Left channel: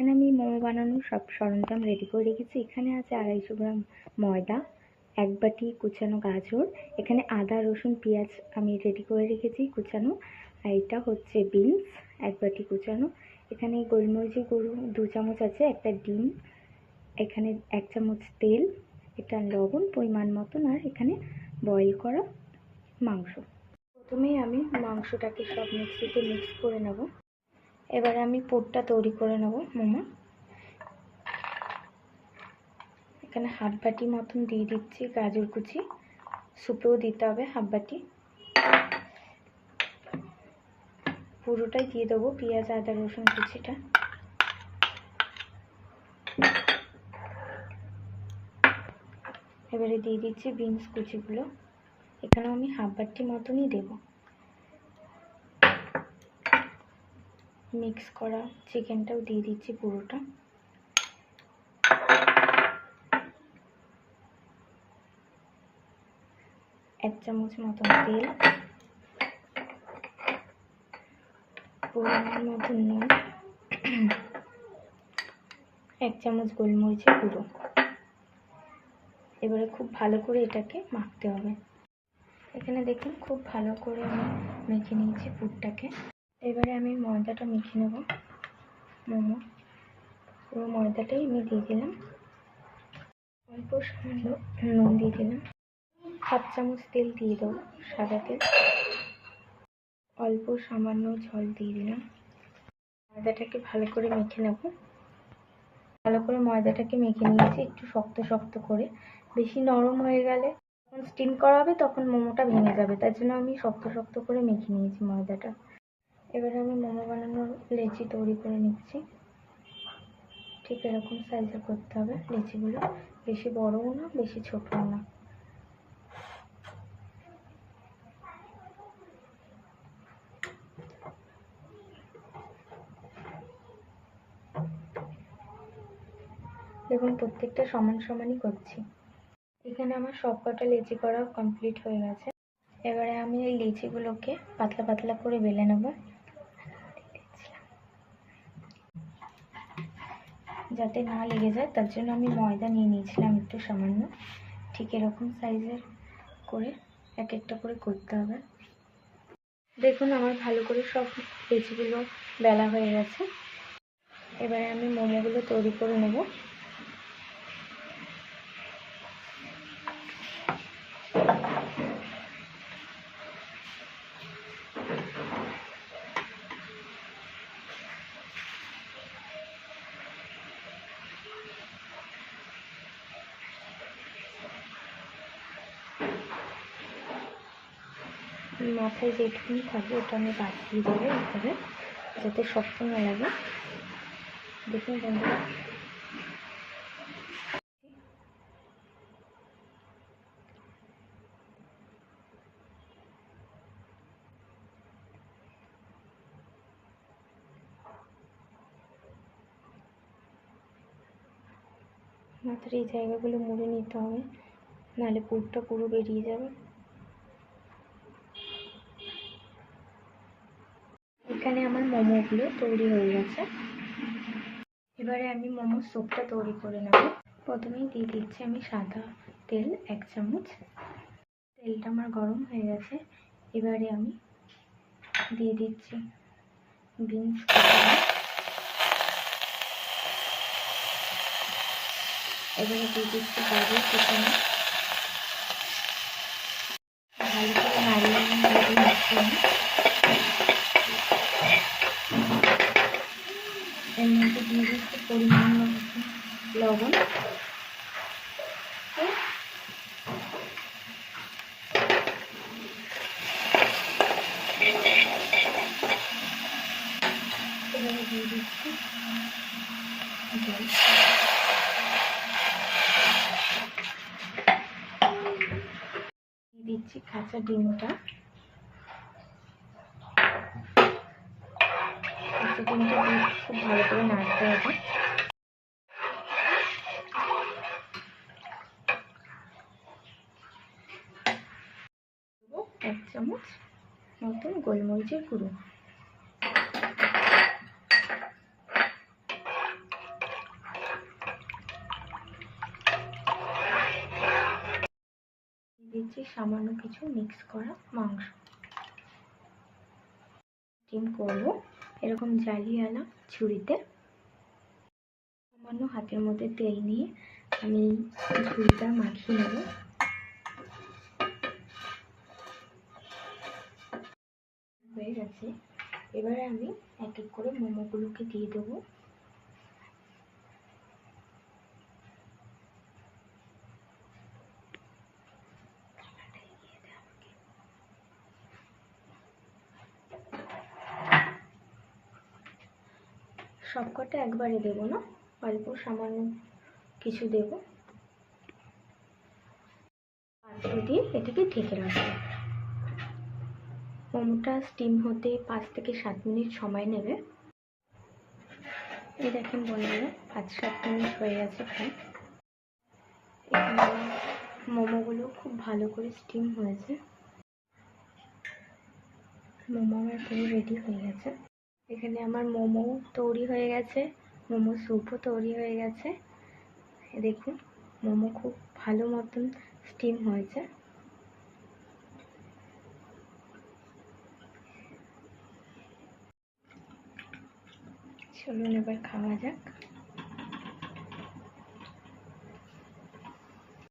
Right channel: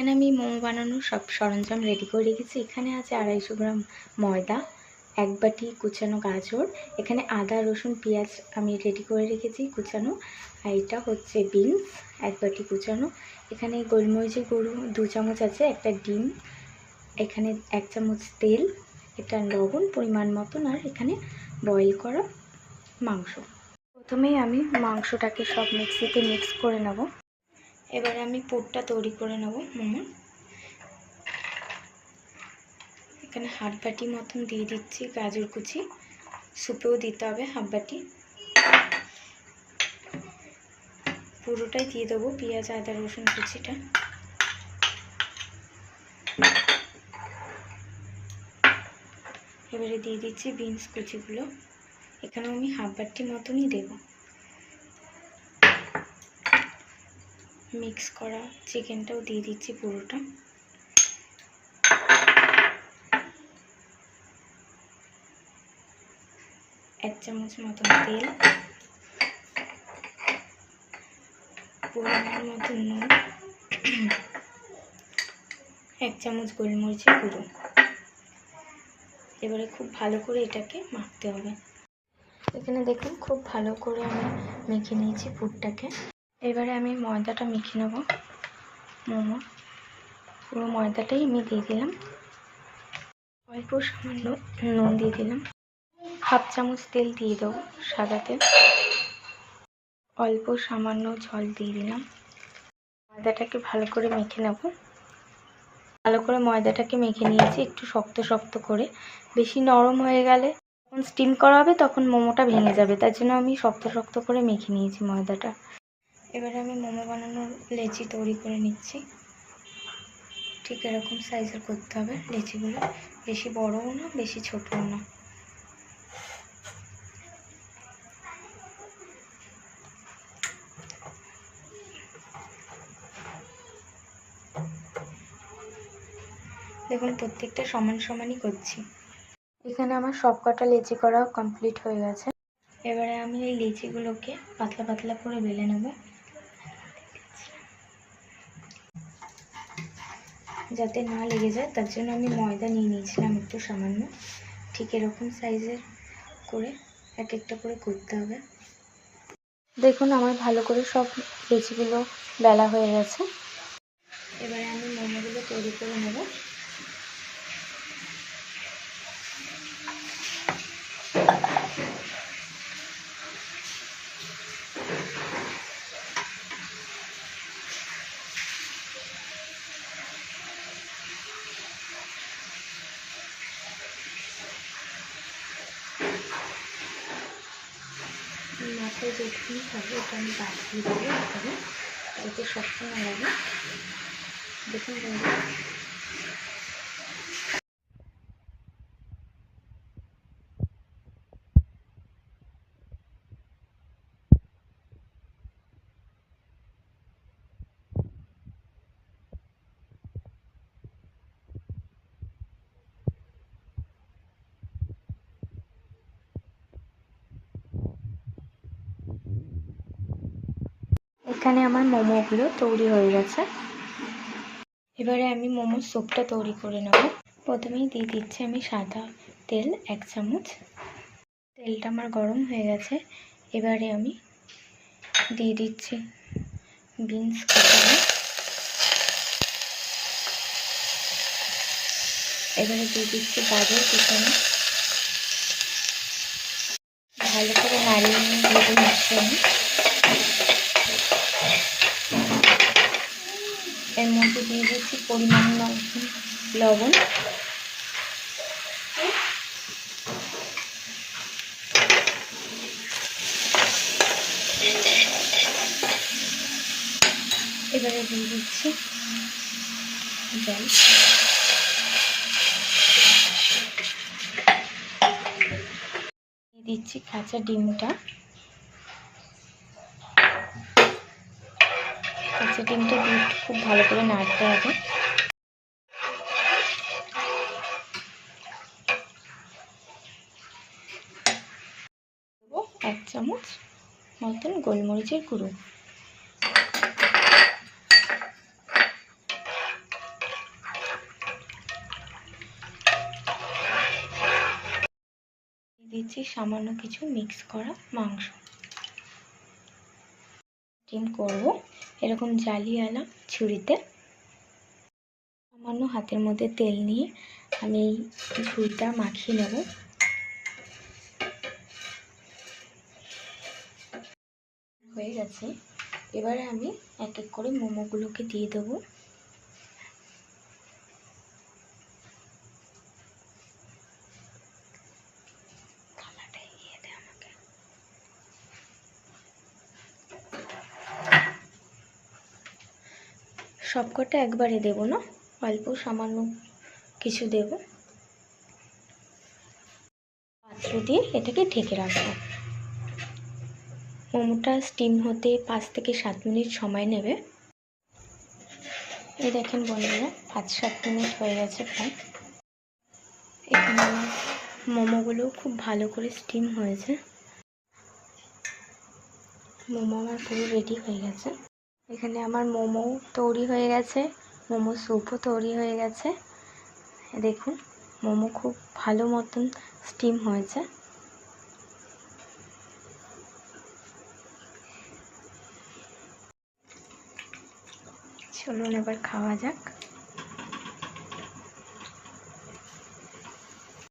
এখানে আমি মোমো বানানোর সব সরঞ্জাম রেডি করে রেখেছি। এখানে আছে 250 গ্রাম ময়দা, 1 বাটি কুচানো গাজর, এখানে আদা রসুন পেঁয়াজ আমি রেডি করে রেখেছি কুচানো, আর এটা হচ্ছে বিনস 1 বাটি কুচানো, এখানে গোলমরিচের গুঁড়ো 2 চামচ আছে, একটা ডিম, এখানে 1 চামচ তেল, এটা লবণ পরিমাণ মতন, আর এখানে বয়েল করা মাংস। প্রথমেই আমি মাংসটাকে সব মিক্সিতে মিক্স করে নেব। এবারে আমি পুরটা তৈরি করে নেব মোমো। এখানে 1/2 বাটি মতন দিয়ে দিচ্ছি গাজর কুচি, সুপেও দিতে হবে 1/2 বাটি। পুরোটাই দিয়ে দেবো পেঁয়াজ আদা রসুন কুচিটা। এবারে দিয়ে দিচ্ছি বিনস কুচিগুলো, এখানেও আমি 1/2 বাটি মতনই দেব। মিক্স করা চিকেনটাও দিয়ে দিচ্ছি পুরোটা। এক চামচ মতন তেল, পরিমাণ মতন নুন, 1 চামচ গোলমরিচের গুঁড়ো। এবারে খুব ভালো করে এটাকে মাখতে হবে। এখানে দেখুন খুব ভালো করে আমি মেখে নিয়েছি পুরটাকে। এবারে আমি ময়দাটা মেখে নেব। মোমো পুরো ময়দাটাই আমি দিয়ে দিলাম, অল্প সামান্য নুন দিয়ে দিলাম, 1/2 চামচ তেল দিয়ে দেবো সাদা তেল, অল্প সামান্য জল দিয়ে দিলাম। ময়দাটাকে ভালো করে মেখে নেব। ভালো করে ময়দাটাকে মেখে নিয়েছি একটু শক্ত শক্ত করে, বেশি নরম হয়ে গেলে যখন স্টিম করা হবে তখন মোমোটা ভেঙে যাবে, তার জন্য আমি শক্ত শক্ত করে মেখে নিয়েছি ময়দাটা। এবারে আমি মোমো বানানোর লেচি তৈরি করে নিচ্ছি। ঠিক এরকম সাইজের করতে হবে লেচিগুলো, বেশি বড়ও না বেশি ছোটও না। দেখুন প্রত্যেকটা সমান সমানই করছি। এখানে আমার সব কটা লেচি করা কমপ্লিট হয়ে গেছে। এবারে আমি এই লেচিগুলোকে পাতলা পাতলা করে বেলে নেব, যাতে না লেগে যায় তার জন্য আমি ময়দা নিয়ে নিয়েছিলাম একটু সামান্য। ঠিক এরকম সাইজের করে এক একটা করে করতে হবে। দেখুন আমার ভালো করে সব লেচিগুলো বেলা হয়ে গেছে। এবারে আমি মোমোগুলো তৈরি করে নেব। মাথায় যেটুকুনি থাকবে ওটা আমি বাদ দিয়ে দেবো এভাবে, যাতে শক্ত না লাগে। দেখুন বন্ধুরা মাথার এই জায়গাগুলো মুড়ে নিতে হবে, নাহলে পুরটা পুরো বেরিয়ে যাবে। এখানে আমার মোমোগুলো তৈরি হয়ে গেছে। এবারে আমি মোমোর স্যুপটা তৈরি করে নেব। প্রথমেই দিয়ে দিচ্ছি আমি সাদা তেল 1 চামচ। তেলটা আমার গরম হয়ে গেছে। এবারে আমি দিয়ে দিচ্ছি বিনস কুচানো, এবারে দিয়ে দিচ্ছি গাজর কুচানো। ভালো করে নাড়িয়ে নিয়ে মিশ্রণ এর মধ্যে দিয়ে দিচ্ছি পরিমাণ মতো লবণ, এবারে দিয়ে দিচ্ছি জল, দিয়ে দিচ্ছি কাঁচা ডিমটা। কাঁচা ডিমটা দিয়ে খুব ভালো করে নাড়তে হবে। 1 চামচ মতন গোলমরিচের গুঁড়ো। নিচ্ছি সামান্য কিছু মিক্স করা মাংস। স্টিম করব এরকম জালিওয়ালা ছুরিতে। সামান্য হাতের মধ্যে তেল নিয়ে আমি এই ঝুড়িটা মাখিয়ে নেব। হয়ে গেছে। এবারে আমি এক এক করে মোমোগুলোকে দিয়ে দেবো। সবকটা একবারে দেব না, অল্প সামান্য কিছু দেব। পাত্র দিয়ে এটাকে ঢেকে রাখবো। মোমোটা স্টিম হতে 5 থেকে 7 মিনিট সময় নেবে। এই দেখেন বন্ধুরা, 5-7 মিনিট হয়ে গেছে প্রায়। এখানে মোমোগুলো খুব ভালো করে স্টিম হয়েছে। মোমো আমার পুরো রেডি হয়ে গেছে। এখানে আমার মোমো তৈরি হয়ে গেছে, মোমো স্যুপও তৈরি হয়ে গেছে। দেখুন মোমো খুব ভালো মতন স্টিম হয়েছে। চলুন এবার খাওয়া যাক।